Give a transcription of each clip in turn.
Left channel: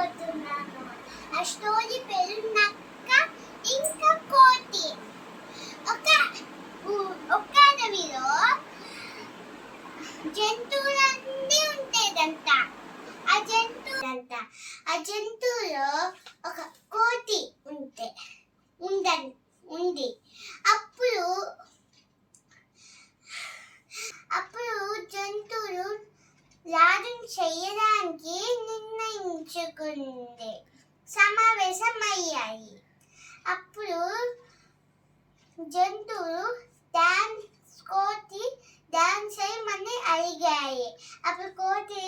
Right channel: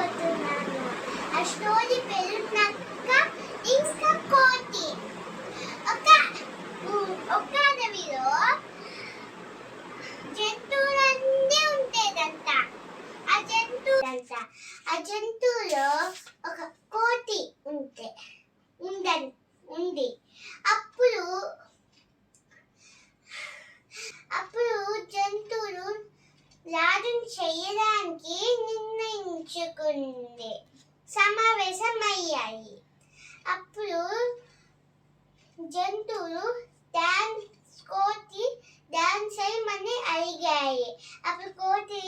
చెప్పబోతున్నాను. ఆ స్టోరీ పేరు నక్క ఇంకా కోతి. ఒక ఒక అడవిలో జంతువులన్నీ ఉండేదంట. ఆ జంతువులో ఒక కోతి ఉంది. అప్పుడు జంతువులు రాజును చేయడానికి నిర్ణయించుకుంది. సమావేశమయ్యాయి. అప్పుడు జంతువులు కోతి డాన్స్ చేయమని అడిగాయి. అప్పుడు కోతి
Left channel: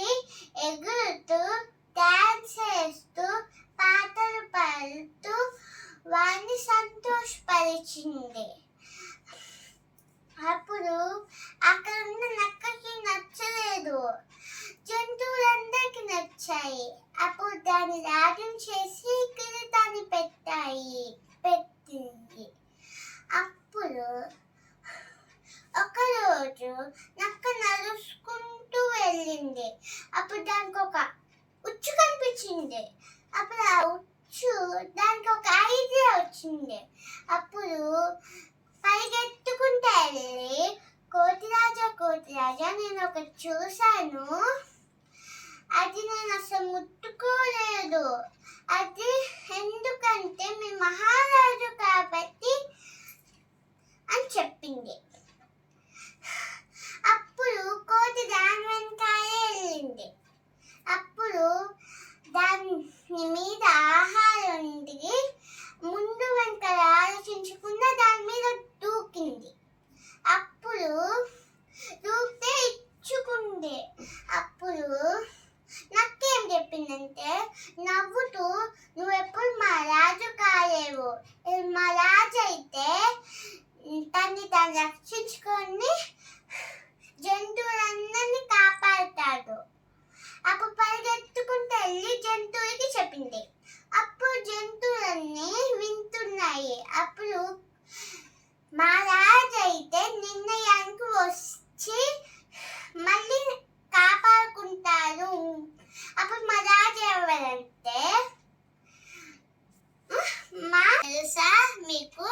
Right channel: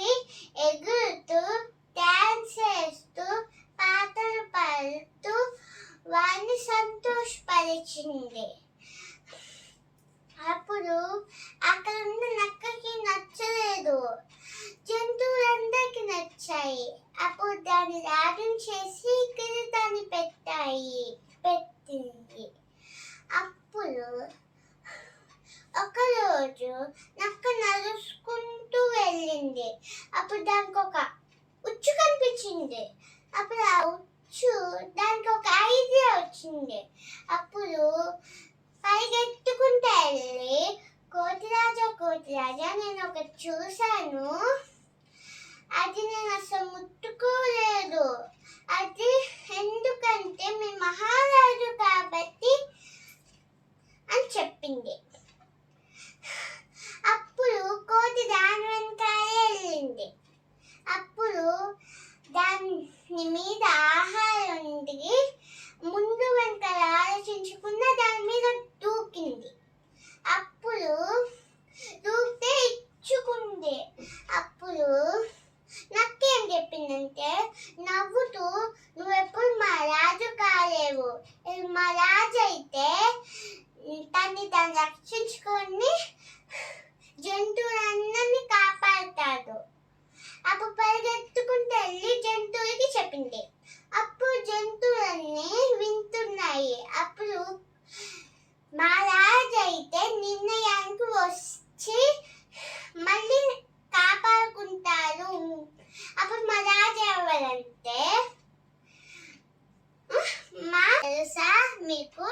ఎగురుతూ డాన్స్ చేస్తూ పాటలు పాడుతూ వారిని సంతోషపరిచింది. అప్పుడు అక్కడ ఉన్న నక్కకి నచ్చలేదు. జంతువులందరికీ నచ్చాయి. అప్పుడు దాన్ని రాజం చేసి కిరీటాన్ని పెట్టింది. అప్పుడు ఒకరోజు నక్క నడుచుకుంటూ వెళ్ళింది. అప్పుడు దానికి ఒక ఉచ్చు కనిపించింది. అప్పుడు ఆ ఉచ్చు దానికి ఒక ఐడియా వచ్చింది. అప్పుడు పరిగెత్తుకుంటూ వెళ్ళి కోతిరాజా నేను ఒకటి చూశాను, అది నేను అసలు ముట్టుకోలేదు. అది ఎందుకంటే మీ మహారాజు కాబట్టి అని చెప్పింది. అప్పుడు కోతి దాని వెనకాలే వెళ్ళింది. అప్పుడు దాని మీద ఆహారం ముందు వెనకాల ఆలోచించకుండా దాని మీద దూకింది. అప్పుడు దూకితే ఇచ్చుకుంది. అప్పుడు నాకేం చెప్పిందంటే నవ్వుతూ నువ్వెప్పుడు మా రాజు కాలేవు, మా రాజు అయితే తన్ని తాను రక్షించుకొని జంతువులందరినీ కాపాడుతాడు. అప్పుడు పరిగెత్తుకుంటూ వెళ్ళి జంతువులకి చెప్పింది. అప్పుడు జంతువులన్నీ వింటున్నాయి. అప్పుడు మా రాజు అయితే నిర్ణయానికి వచ్చి మళ్ళీ కాపాడుకుంటారు. అప్పుడు మా రాజు ఎవరంటే తెలుసా మీకు?